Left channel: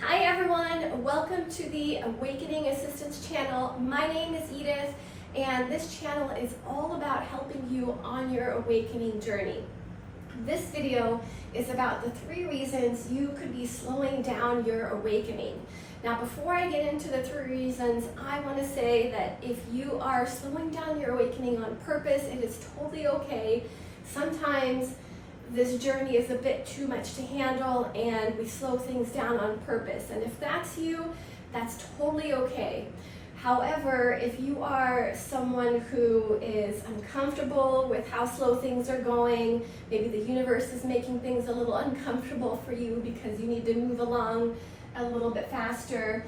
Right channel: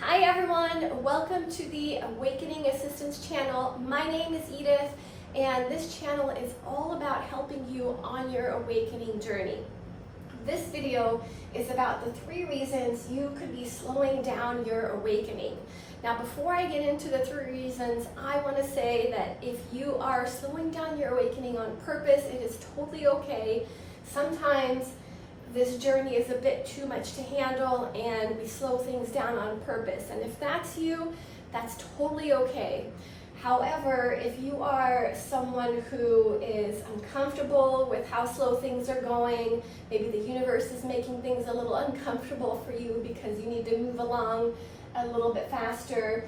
Hi everyone, welcome to the Awakening Assistance channel. My name is Edith and this channel is all about helping you on your awakening journey. This video is about the 3 reasons you could be slowing down your awakening. Now before I get into the 3 reasons, I want to say that if you are slowing down your awakening on purpose, it is totally okay. Sometimes this journey is a bit too much to handle and we slow things down on purpose. And if that's you, that's totally okay. However, if you are someone who is uncomfortable with how slow things are going, maybe the universe is making things a little uncomfortable for you because you need to move along a little bit faster,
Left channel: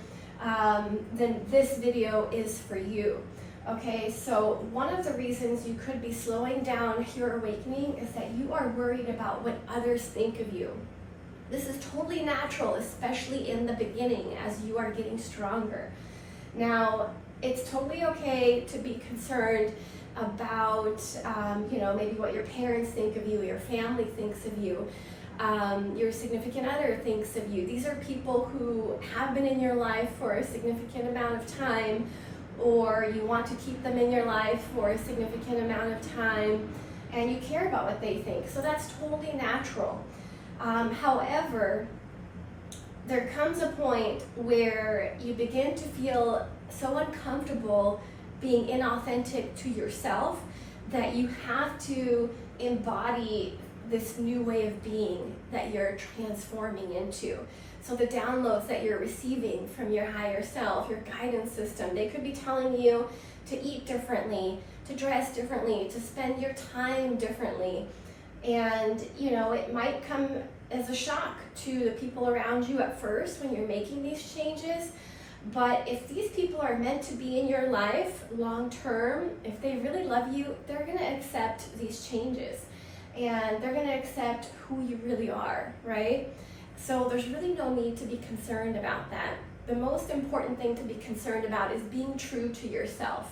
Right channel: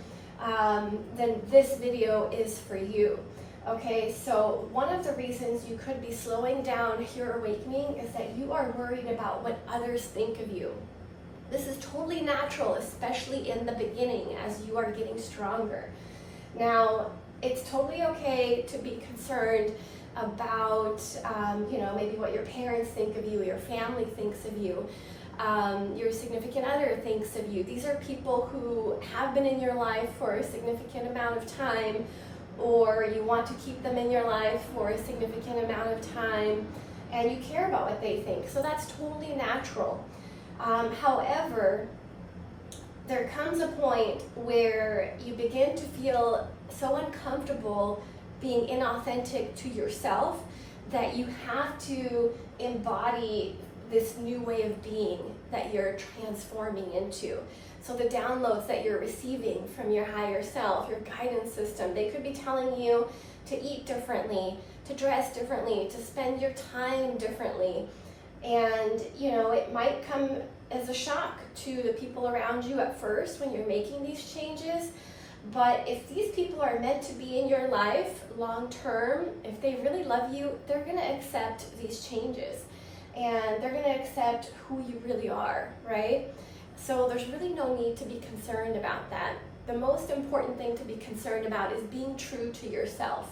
then this video is for you. Okay, so one of the reasons you could be slowing down your awakening is that you are worried about what others think of you. This is totally natural, especially in the beginning as you are getting stronger. Now, it's totally okay to be concerned about, maybe what your parents think of you, your family thinks of you, your significant other thinks of you. These are people who have been in your life for a significant amount of time, or you want to keep them in your life for a significant amount of time, and you care about what they think. So that's totally natural. However, there comes a point where you begin to feel so uncomfortable being inauthentic to yourself that you have to embody this new way of being that you're transforming into. So the downloads that you're receiving from your higher self, your guidance system, they could be telling you to eat differently, to dress differently, to spend your time differently. And it might come as a shock to the people around you at first when you're making these changes. But if these people are meant to be in your life long term, if they really love you, they're going to accept these changes. And they're going to accept who you really are, right? So there's really no need to be concerned about that. The most important thing to be concerned about is being true to yourself.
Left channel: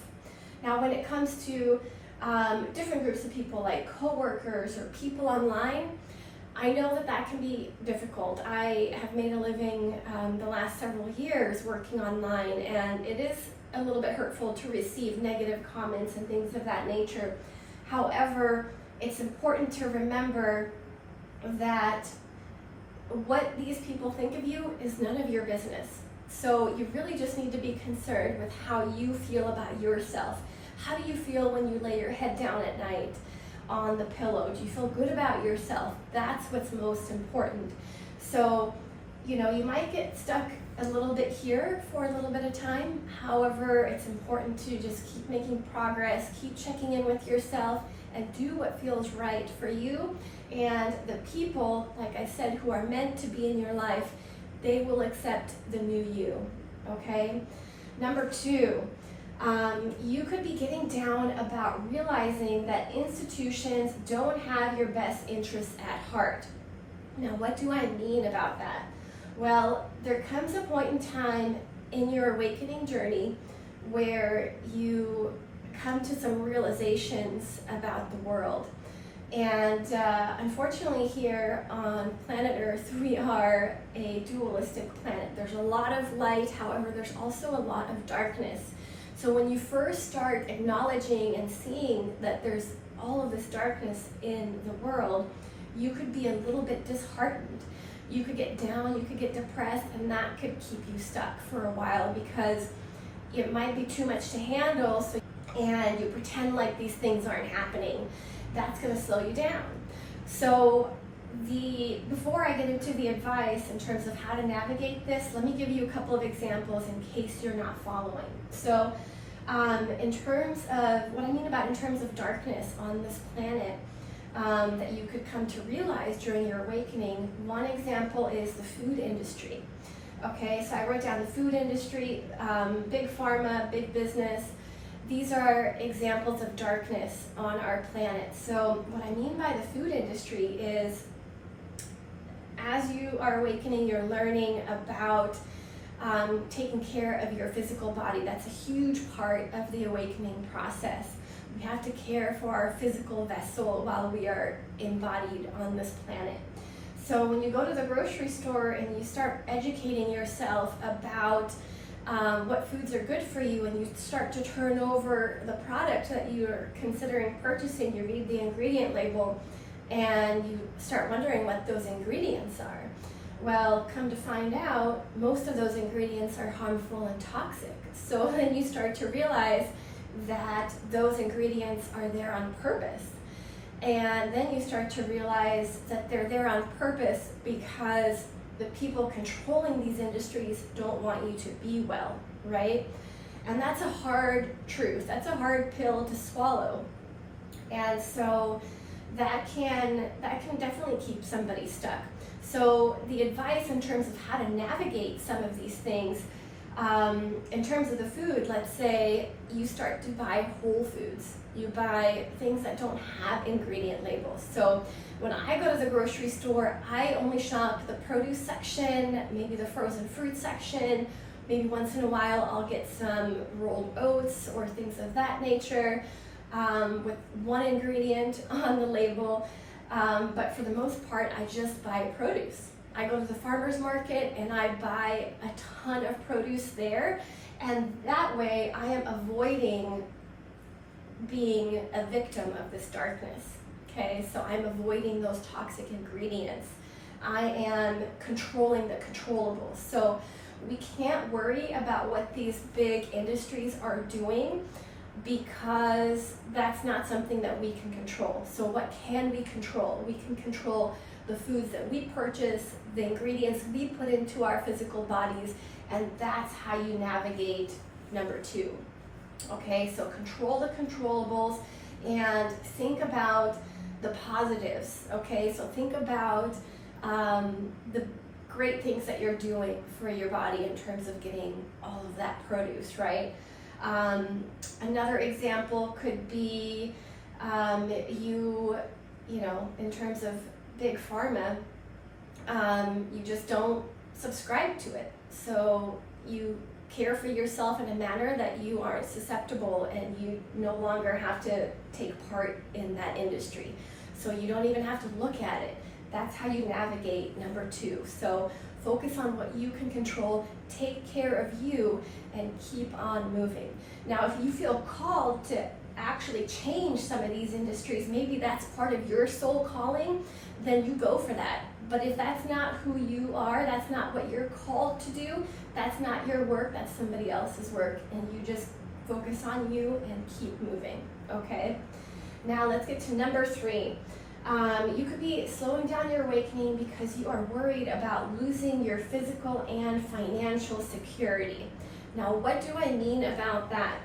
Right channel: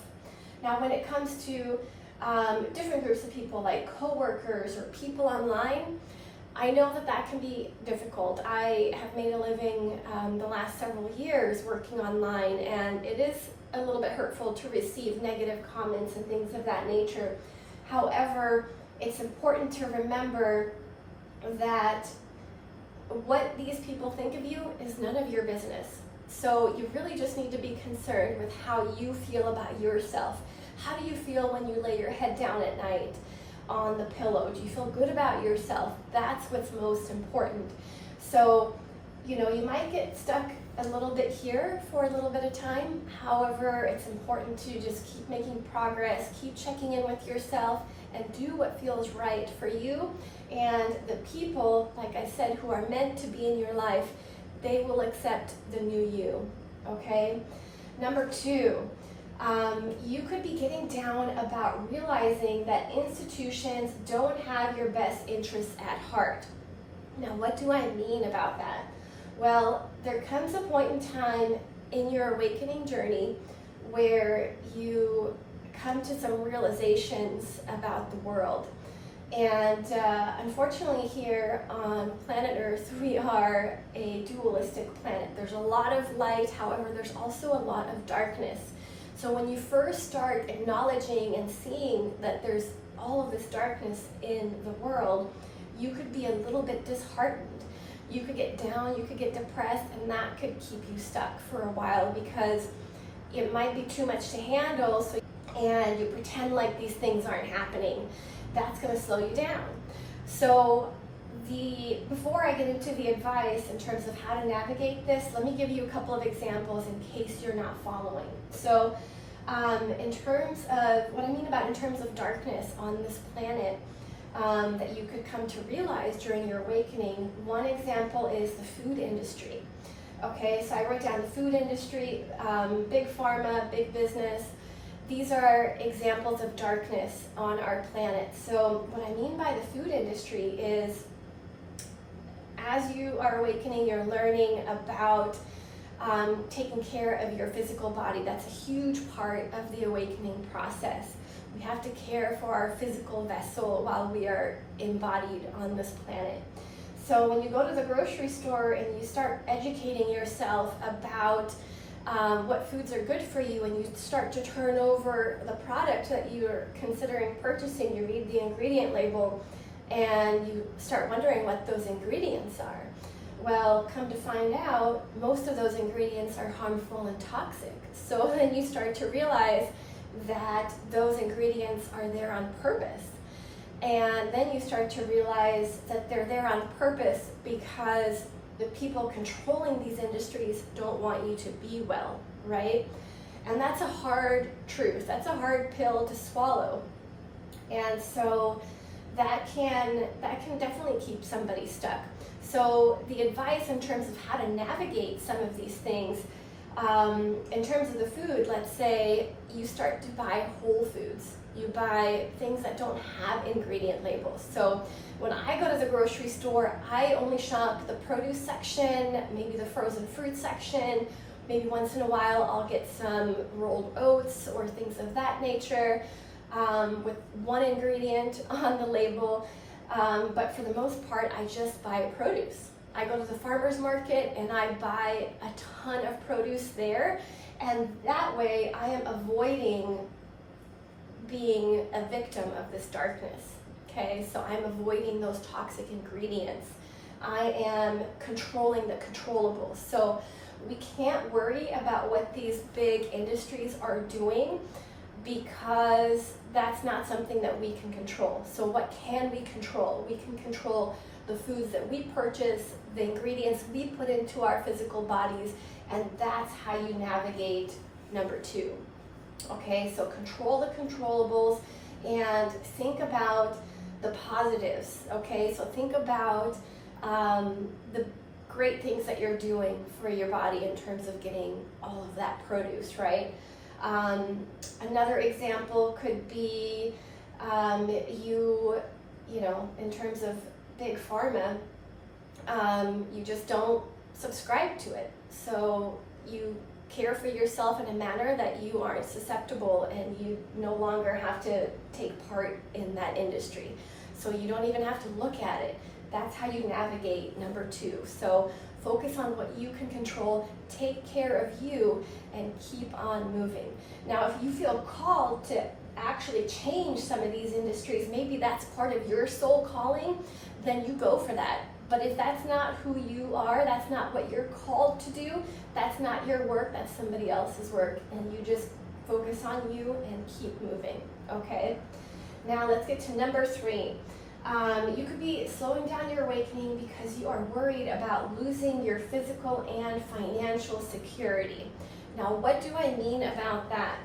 Now, when it comes to different groups of people like coworkers or people online, I know that can be difficult. I have made a living the last several years working online, and it is a little bit hurtful to receive negative comments and things of that nature. However, it's important to remember that what these people think of you is none of your business. So you really just need to be concerned with how you feel about yourself. How do you feel when you lay your head down at night on the pillow? Do you feel good about yourself? That's what's most important. So, you might get stuck a little bit here for a little bit of time. However, it's important to just keep making progress, keep checking in with yourself, and do what feels right for you. And the people, like I said, who are meant to be in your life, they will accept the new you, okay? Number 2, you could be getting down about realizing that institutions don't have your best interests at heart. Now, what do I mean about that? Well, there comes a point in time in your awakening journey where you come to some realizations about the world. And unfortunately here on planet Earth, we are a dualistic planet. There's a lot of light, however, there's also a lot of darkness. So when you first start acknowledging and seeing that there's all of this darkness in the world, you could be a little bit disheartened. You could get down, you could get depressed, and that could keep you stuck for a while because it might be too much to handle, and you pretend like these things aren't happening. That's going to slow you down. So before I get into the advice in terms of how to navigate this, let me give you a couple of examples in case you're not following. So in terms of, what I mean about in terms of darkness on this planet that you could come to realize during your awakening, one example is the food industry. Okay, so I wrote down the food industry, big pharma, big business. These are examples of darkness on our planet. So what I mean by the food industry is, as you are awakening, you're learning about taking care of your physical body. That's a huge part of the awakening process. We have to care for our physical vessel while we are embodied on this planet. So when you go to the grocery store and you start educating yourself about what foods are good for you, and you start to turn over the product that you're considering purchasing, you read the ingredient label and you start wondering what those ingredients are. Well, come to find out, most of those ingredients are harmful and toxic. So then you start to realize that those ingredients are there on purpose. And then you start to realize that they're there on purpose because the people controlling these industries don't want you to be well, right? And that's a hard truth. That's a hard pill to swallow. And so that can definitely keep somebody stuck. So the advice in terms of how to navigate some of these things, in terms of the food, let's say you start to buy whole foods. You buy things that don't have ingredient labels. So when I go to the grocery store, I only shop the produce section, maybe the frozen fruit section. Maybe once in a while I'll get some rolled oats or things of that nature with one ingredient on the label. But for the most part, I just buy produce. I go to the farmer's market and I buy a ton of produce there. And that way I am avoiding being a victim of this darkness. Okay, so I'm avoiding those toxic ingredients. I am controlling the controllables. So we can't worry about what these big industries are doing because that's not something that we can control. So what can we control? We can control the foods that we purchase, the ingredients we put into our physical bodies, and that's how you navigate number 2. Okay, so control the controllables and think about the positives. Okay, so think about the great things that you're doing for your body in terms of getting all of that produce, right? Another example could be you know, in terms of big pharma, you just don't subscribe to it. So you care for yourself in a manner that you aren't susceptible and you no longer have to take part in that industry. So you don't even have to look at it. That's how you navigate number 2. So focus on what you can control, take care of you, and keep on moving. Now, if you feel called to actually change some of these industries, maybe that's part of your soul calling, then you go for that. But if that's not who you are, that's not what you're called to do, that's not your work, that's somebody else's work, and you just focus on you and keep moving, okay? Now let's get to number 3. You could be slowing down your awakening because you are worried about losing your physical and financial security. Now, what do I mean about that?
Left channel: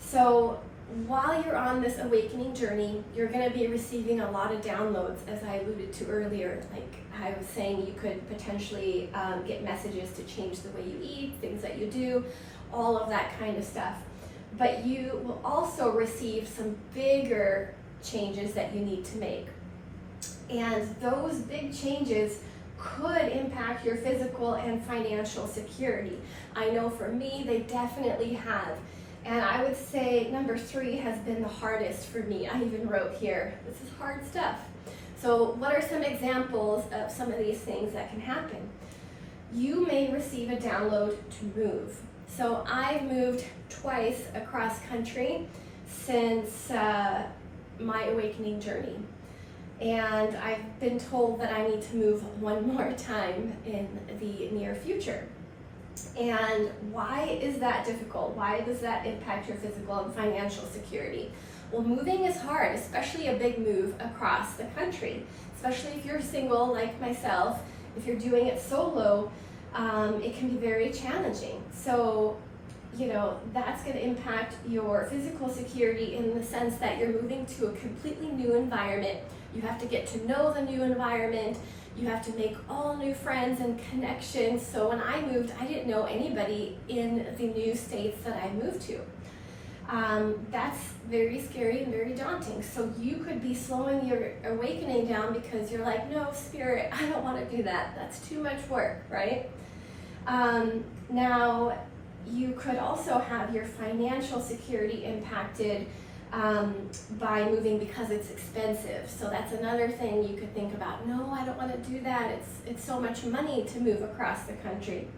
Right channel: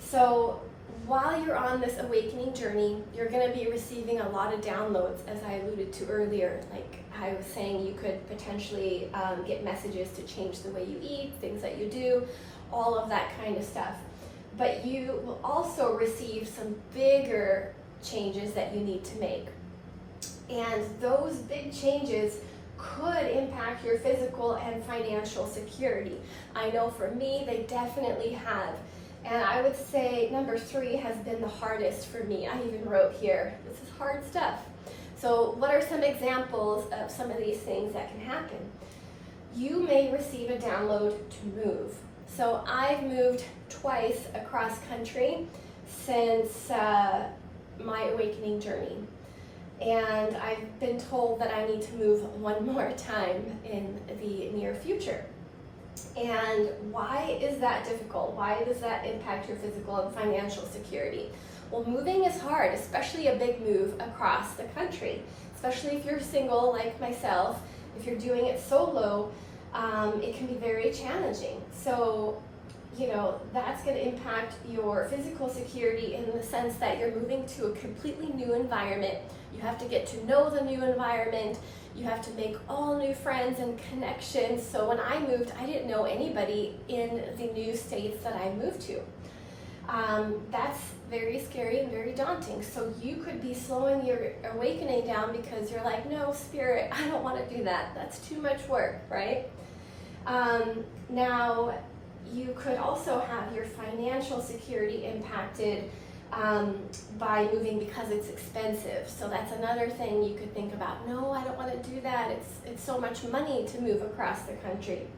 So while you're on this awakening journey, you're going to be receiving a lot of downloads, as I alluded to earlier. Like I was saying, you could potentially get messages to change the way you eat, things that you do, all of that kind of stuff. But you will also receive some bigger changes that you need to make. And those big changes could impact your physical and financial security. I know for me, they definitely have. And I would say number 3 has been the hardest for me. I even wrote here, this is hard stuff. So what are some examples of some of these things that can happen? You may receive a download to move. So I've moved twice across country since my awakening journey. And I've been told that I need to move one more time in the near future. And why is that difficult? Why does that impact your physical and financial security? Well, moving is hard, especially a big move across the country, especially if you're single like myself. If you're doing it solo, it can be very challenging. So, you know, that's going to impact your physical security in the sense that you're moving to a completely new environment. You have to get to know the new environment. You have to make all new friends and connections. So when I moved, I didn't know anybody in the new states that I moved to. That's very scary and very daunting. So you could be slowing your awakening down because you're like, no, Spirit, I don't want to do that. That's too much work, right? Now, you could also have your financial security impacted by moving because it's expensive. So that's another thing you could think about. No, I don't want to do that. It's so much money to move across the country.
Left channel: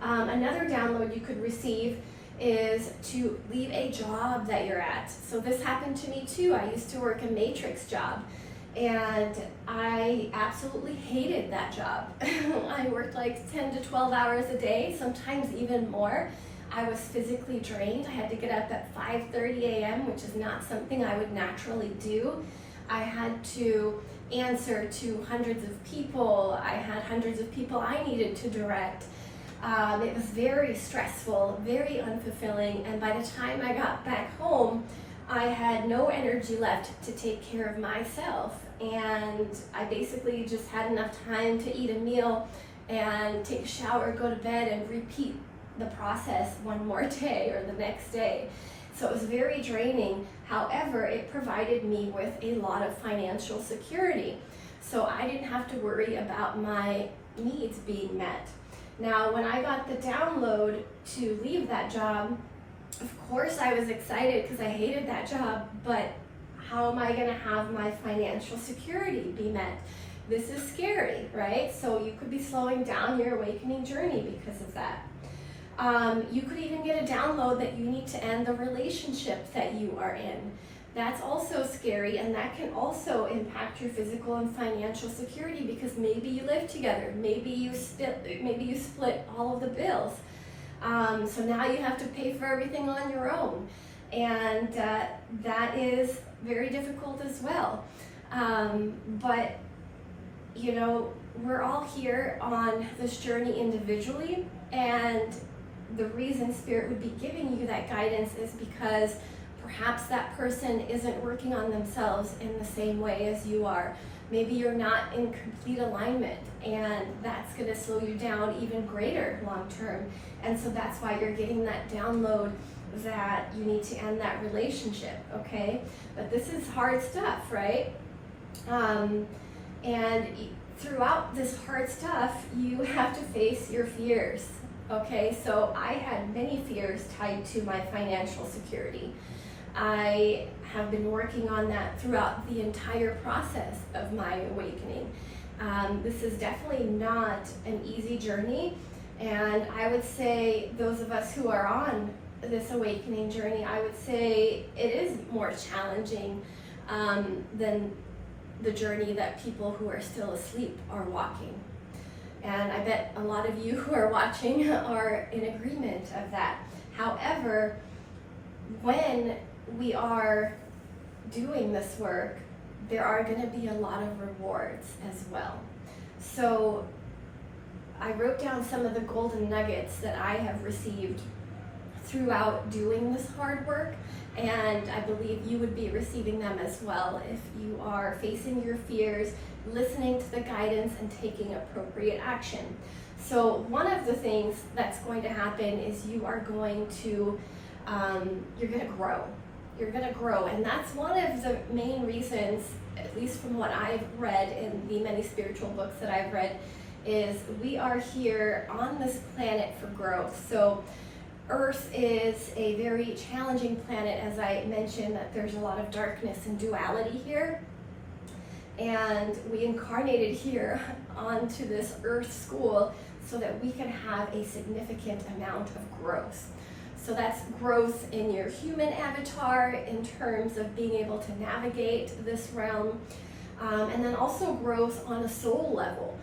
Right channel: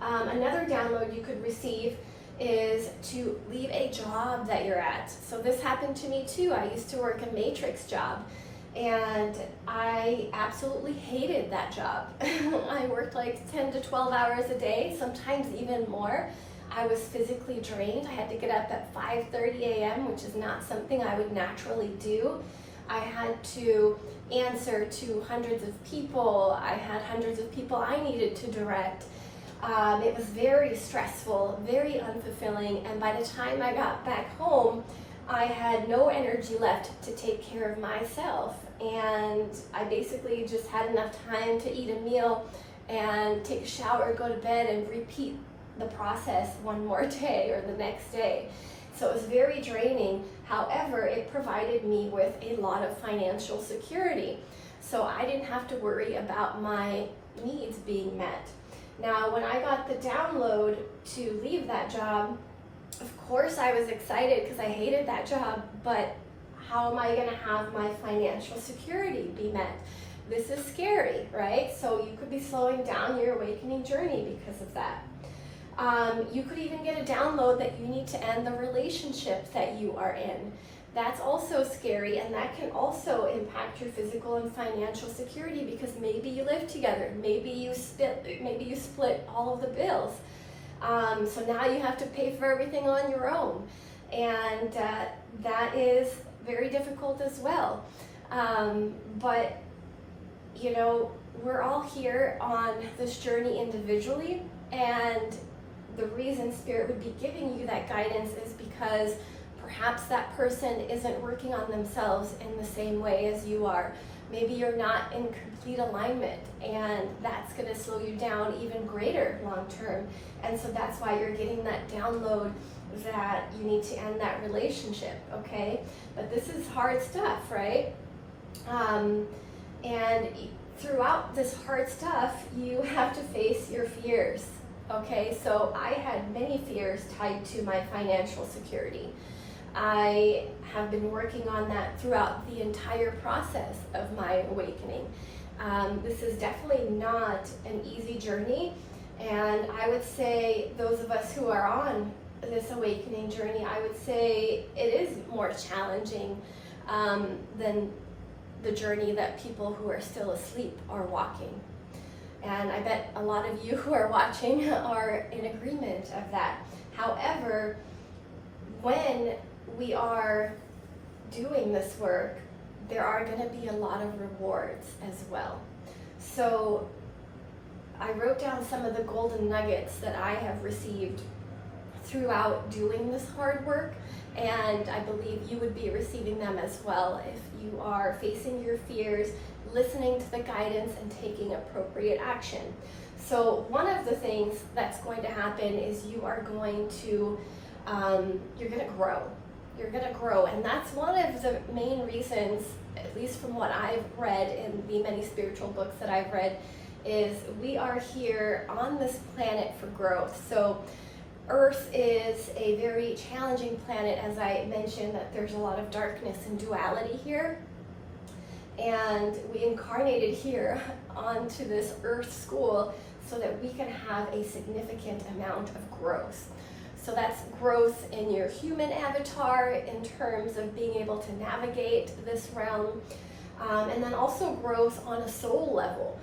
Another download you could receive is to leave a job that you're at. So this happened to me too. I used to work a matrix job and I absolutely hated that job. I worked like 10 to 12 hours a day, sometimes even more. I was physically drained. I had to get up at 5:30 a.m., which is not something I would naturally do. I had to answer to hundreds of people. I had hundreds of people I needed to direct. It was very stressful, very unfulfilling, and by the time I got back home, I had no energy left to take care of myself, and I basically just had enough time to eat a meal and take a shower, go to bed, and repeat the process one more day or the next day. So it was very draining. However, it provided me with a lot of financial security. So I didn't have to worry about my needs being met. Now, when I got the download to leave that job, of course I was excited because I hated that job, but how am I going to have my financial security be met? This is scary, right? So you could be slowing down your awakening journey because of that. You could even get a download that you need to end the relationship that you are in. That's also scary, and that can also impact your physical and financial security because maybe you live together, maybe you split all of the bills. So now you have to pay for everything on your own, and that is very difficult as well. But you know, we're all here on this journey individually, and the reason Spirit would be giving you that guidance is because perhaps that person isn't working on themselves in the same way as you are. Maybe you're not in complete alignment, and that's going to slow you down even greater long term. And so that's why you're getting that download that you need to end that relationship, okay? But this is hard stuff, right? And throughout this hard stuff, you have to face your fears, okay? So I had many fears tied to my financial security. I have been working on that throughout the entire process of my awakening. This is definitely not an easy journey, and I would say those of us who are on this awakening journey, I would say it is more challenging than the journey that people who are still asleep are walking. And I bet a lot of you who are watching are in agreement of that. However, when we are doing this work, there are going to be a lot of rewards as well. So I wrote down some of the golden nuggets that I have received throughout doing this hard work, and I believe you would be receiving them as well if you are facing your fears, listening to the guidance, and taking appropriate action. So one of the things that's going to happen is you are going to, you're going to grow. You're going to grow, and that's one of the main reasons, at least from what I've read in the many spiritual books that I've read, is we are here on this planet for growth. So Earth is a very challenging planet, as I mentioned, that there's a lot of darkness and duality here. And we incarnated here onto this Earth school so that we can have a significant amount of growth. So that's growth in your human avatar in terms of being able to navigate this realm, and then also growth on a soul level,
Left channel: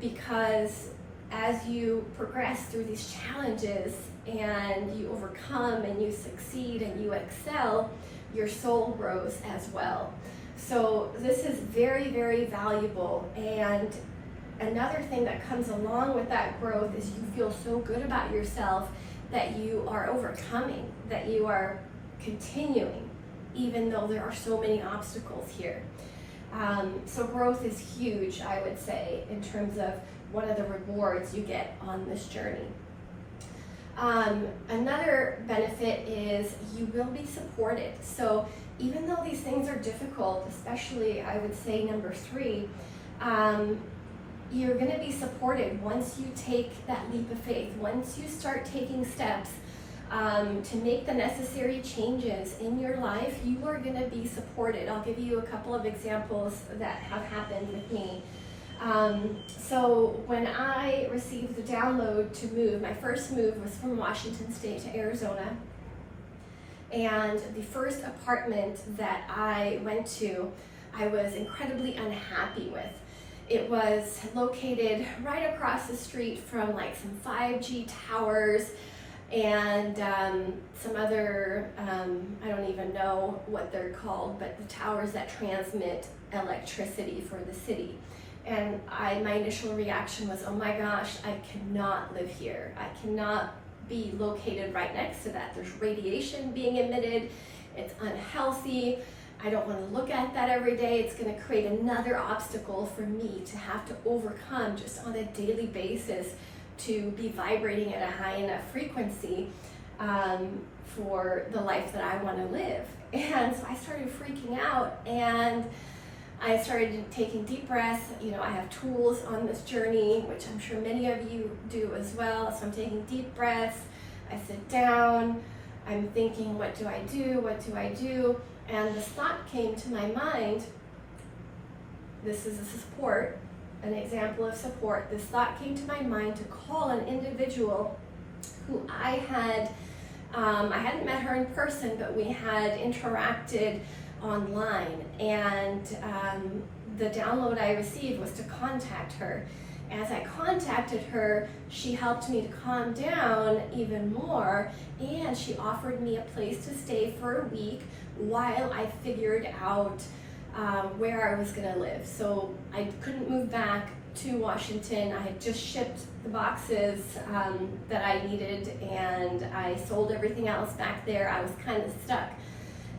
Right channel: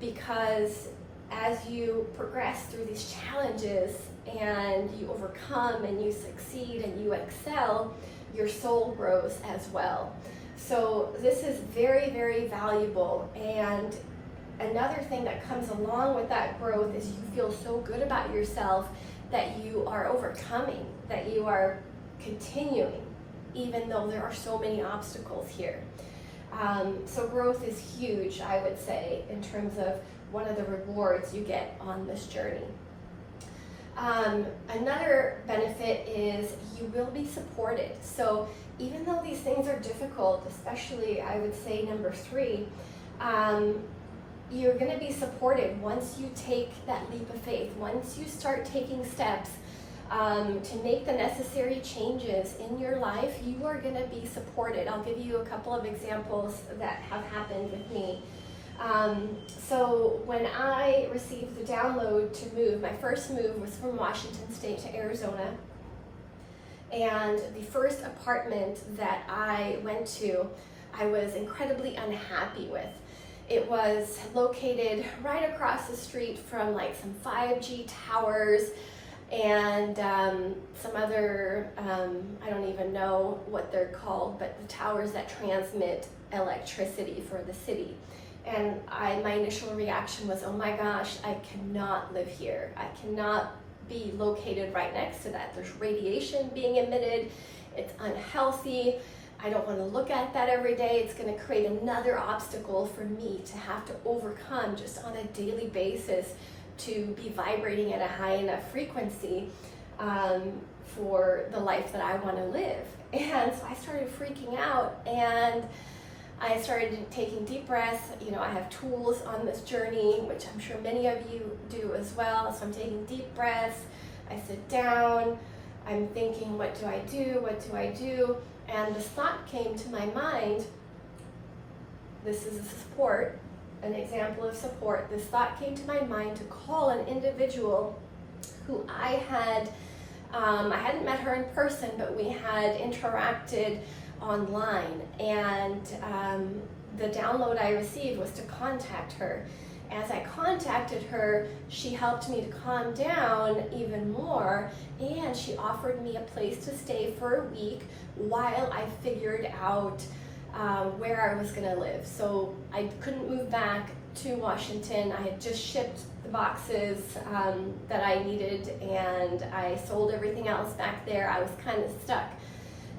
because as you progress through these challenges and you overcome and you succeed and you excel, your soul grows as well. So this is very, very valuable. And another thing that comes along with that growth is you feel so good about yourself that you are overcoming, that you are continuing, even though there are so many obstacles here. So growth is huge, I would say, in terms of one of the rewards you get on this journey. Another benefit is you will be supported. So even though these things are difficult, especially I would say number 3, you're going to be supported once you take that leap of faith, once you start taking steps to make the necessary changes in your life, you are going to be supported. I'll give you a couple of examples that have happened with me. So when I received the download to move, my first move was from Washington State to Arizona. And the first apartment that I went to, I was incredibly unhappy with. It was located right across the street from like some 5G towers and some other, I don't even know what they're called, but the towers that transmit electricity for the city. And my initial reaction was, oh my gosh, I cannot live here. I cannot be located right next to that. There's radiation being emitted. It's unhealthy. I don't want to look at that every day. It's going to create another obstacle for me to have to overcome just on a daily basis to be vibrating at a high enough frequency for the life that I want to live. And so I started freaking out, and I started taking deep breaths. You know, I have tools on this journey, which I'm sure many of you do as well. So I'm taking deep breaths. I sit down. I'm thinking, what do I do? What do I do? And this thought came to my mind. This is a support, an example of support. This thought came to my mind to call an individual who I hadn't met her in person, but we had interacted online, and the download I received was to contact her. As I contacted her, she helped me to calm down even more, and she offered me a place to stay for a week while I figured out where I was going to live. So I couldn't move back to Washington. I had just shipped the boxes that I needed, and I sold everything else back there. I was kind of stuck,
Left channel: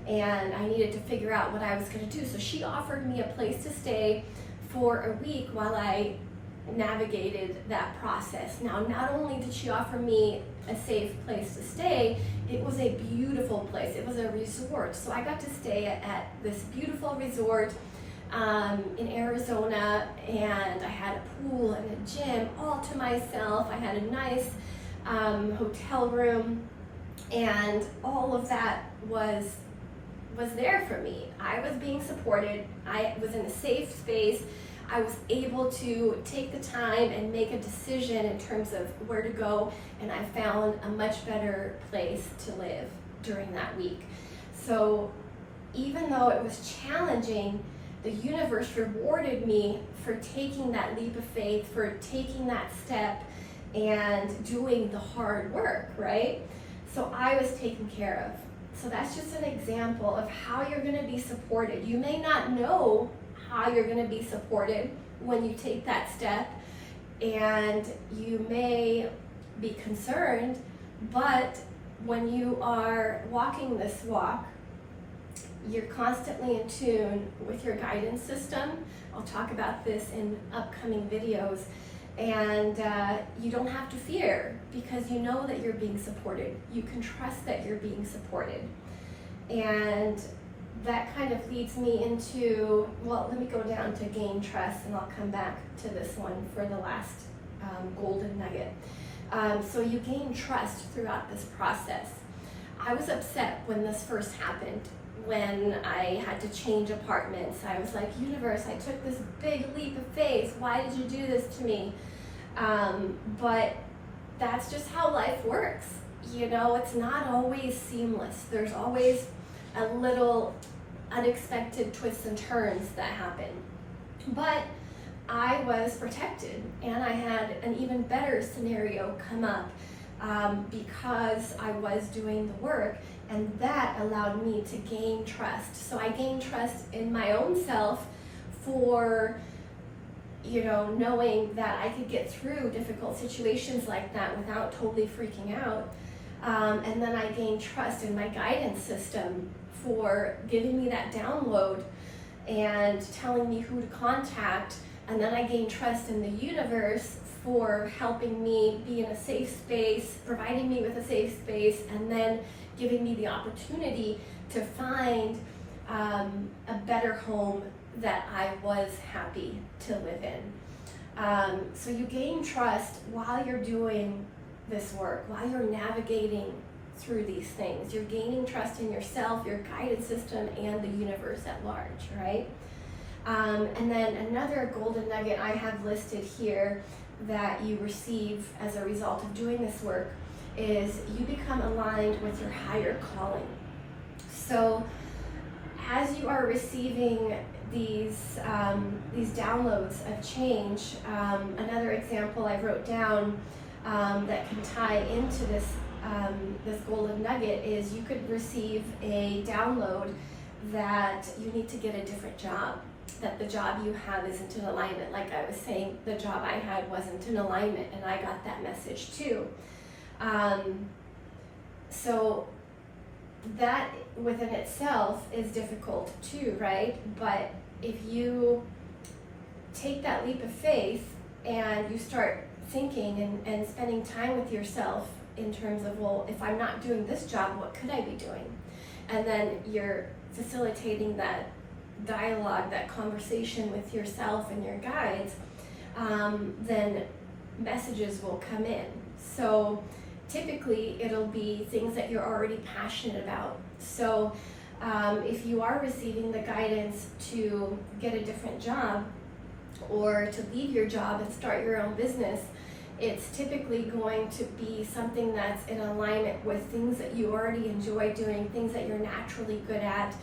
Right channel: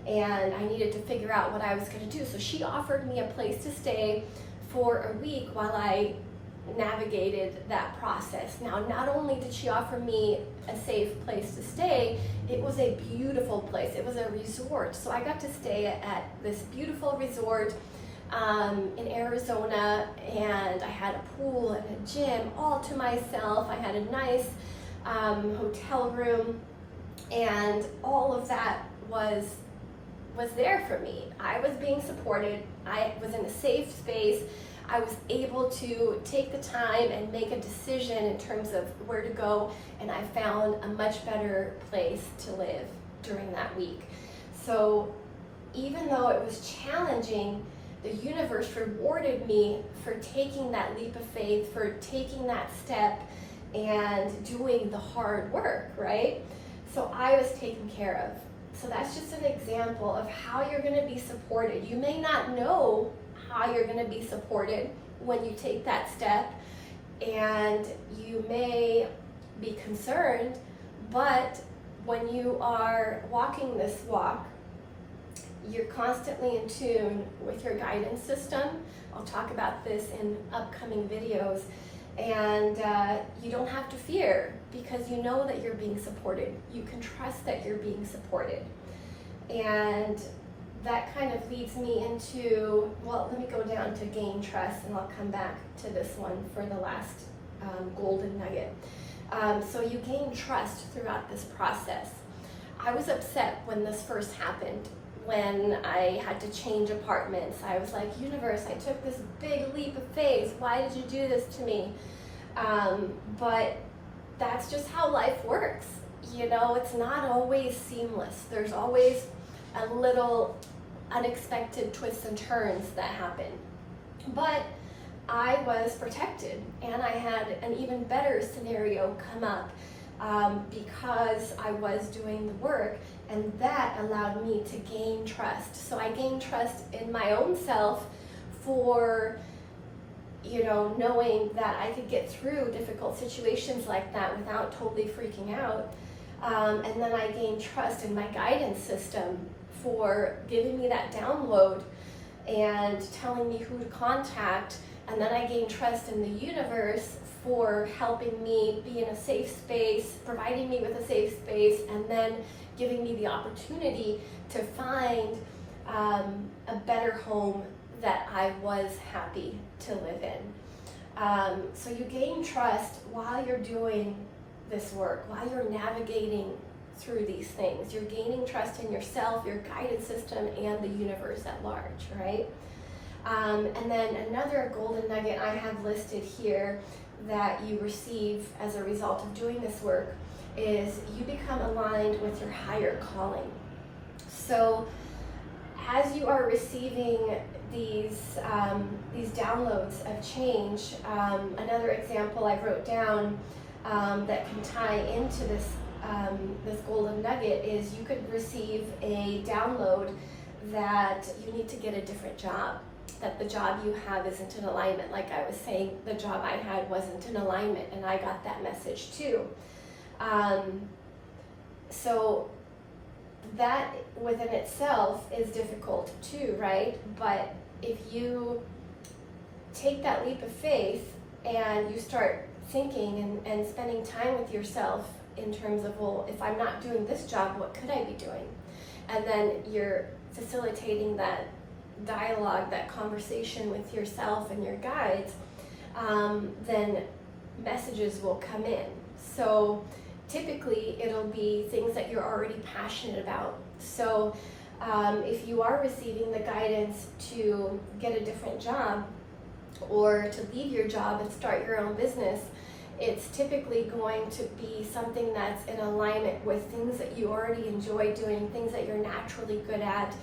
and I needed to figure out what I was going to do. So she offered me a place to stay for a week while I navigated that process. Now, not only did she offer me a safe place to stay, it was a beautiful place. It was a resort. So I got to stay at this beautiful resort in Arizona, and I had a pool and a gym all to myself. I had a nice hotel room, and all of that was there for me. I was being supported. I was in a safe space. I was able to take the time and make a decision in terms of where to go, and I found a much better place to live during that week. So even though it was challenging, the universe rewarded me for taking that leap of faith, for taking that step and doing the hard work, right? So I was taken care of. So that's just an example of how you're going to be supported. You may not know how you're going to be supported when you take that step, and you may be concerned, but when you are walking this walk, you're constantly in tune with your guidance system. I'll talk about this in upcoming videos, and you don't have to fear because you know that you're being supported. You can trust that you're being supported. And that kind of leads me into, well, let me go down to gain trust, and I'll come back to this one for the last golden nugget. So you gain trust throughout this process. I was upset when this first happened, when I had to change apartments. I was like, universe, I took this big leap of faith. Why did you do this to me? But that's just how life works. You know, it's not always seamless. There's always a little unexpected twists and turns that happen. But I was protected, and I had an even better scenario come up because I was doing the work, and that allowed me to gain trust. So I gained trust in my own self for, you know, knowing that I could get through difficult situations like that without totally freaking out. And then I gained trust in my guidance system for giving me that download and telling me who to contact. And then I gained trust in the universe for helping me be in a safe space, providing me with a safe space, and then giving me the opportunity to find a better home that I was happy to live in. So you gain trust while you're doing this work, while you're navigating through these things. You're gaining trust in yourself, your guidance system, and the universe at large, right? And then another golden nugget I have listed here that you receive as a result of doing this work is you become aligned with your higher calling. So as you are receiving these downloads of change, another example I wrote down that can tie into this golden nugget is you could receive a download that you need to get a different job, that the job you have isn't in alignment. Like I was saying, the job I had wasn't in alignment, and I got that message too. So that within itself is difficult too, right? But if you take that leap of faith and you start thinking and spending time with yourself in terms of, well, if I'm not doing this job, what could I be doing? And then you're facilitating that dialogue, that conversation with yourself and your guides, then messages will come in. So typically it'll be things that you're already passionate about. So if you are receiving the guidance to get a different job or to leave your job and start your own business, it's typically going to be something that's in alignment with things that you already enjoy doing, things that you're naturally good at,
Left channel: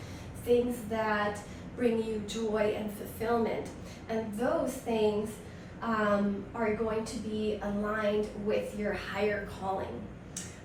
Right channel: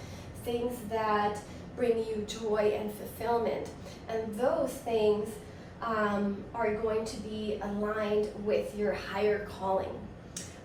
things that bring you joy and fulfillment. And those things are going to be aligned with your higher calling.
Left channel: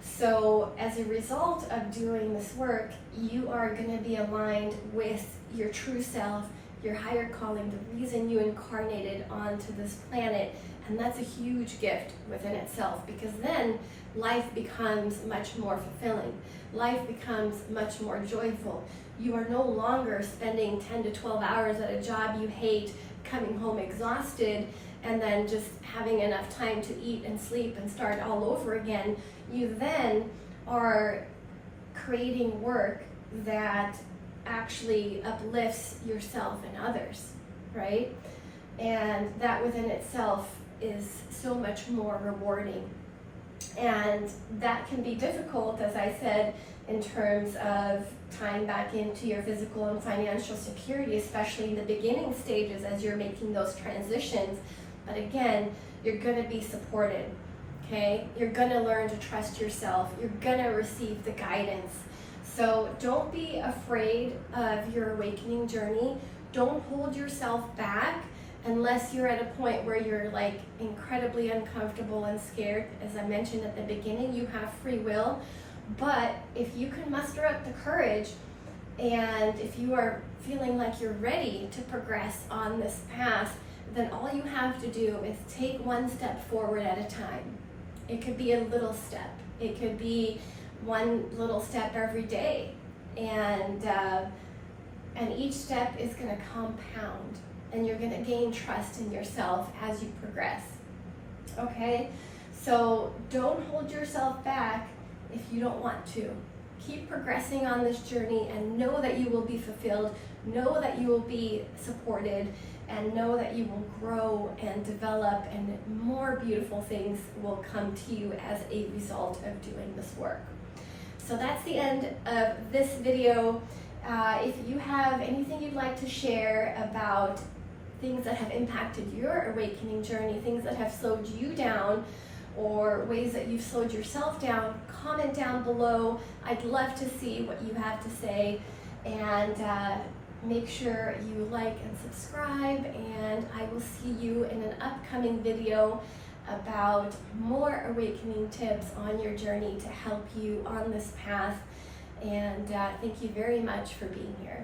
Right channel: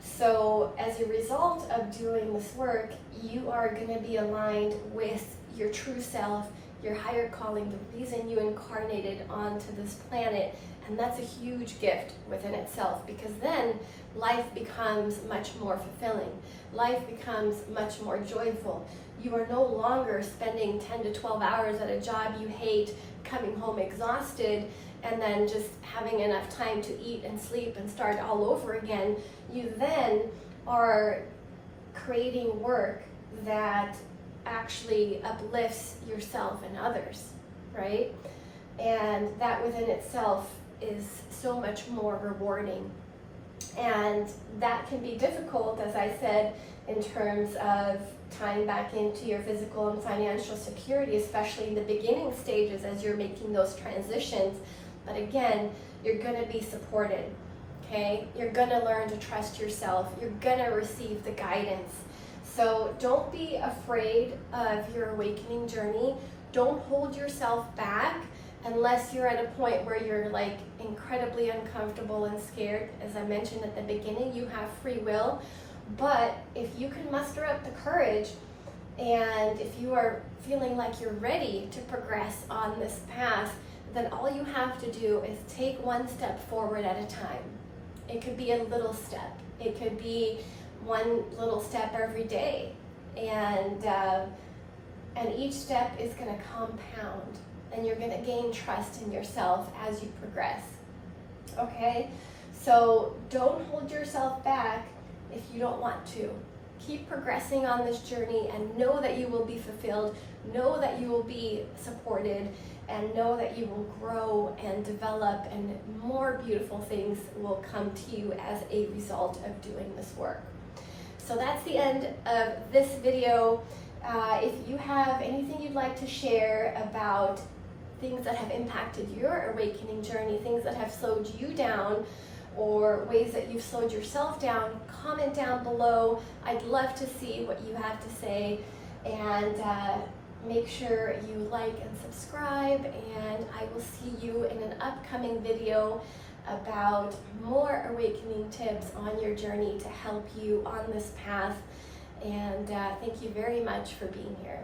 So as a result of doing this work, you are going to be aligned with your true self, your higher calling, the reason you incarnated onto this planet. And that's a huge gift within itself, because then life becomes much more fulfilling. Life becomes much more joyful. You are no longer spending 10 to 12 hours at a job you hate, coming home exhausted, and then just having enough time to eat and sleep and start all over again. You then are creating work that actually uplifts yourself and others, right? And that within itself is so much more rewarding. And that can be difficult, as I said, in terms of tying back into your physical and financial security, especially in the beginning stages as you're making those transitions. But again, you're going to be supported, okay? You're going to learn to trust yourself. You're going to receive the guidance. So don't be afraid of your awakening journey. Don't hold yourself back unless you're at a point where you're like incredibly uncomfortable and scared. As I mentioned at the beginning, you have free will. But if you can muster up the courage, and if you are feeling like you're ready to progress on this path, then all you have to do is take one step forward at a time. It could be a little step. It could be one little step every day. And each step is going to compound, and you're going to gain trust in yourself as you progress. Okay? So don't hold yourself back if you don't want to. Keep progressing on this journey and know that you will be fulfilled, know that you will be supported, and know that you will grow and develop, and more beautiful things will come to you as a result of doing this work. So that's the end of this video. If you have anything you'd like to share about things that have impacted your awakening journey, things that have slowed you down, or ways that you've slowed yourself down, comment down below. I'd love to see what you have to say, and make sure you like and subscribe, and I will see you in an upcoming video about more awakening tips on your journey to help you on this path. And thank you very much for being here.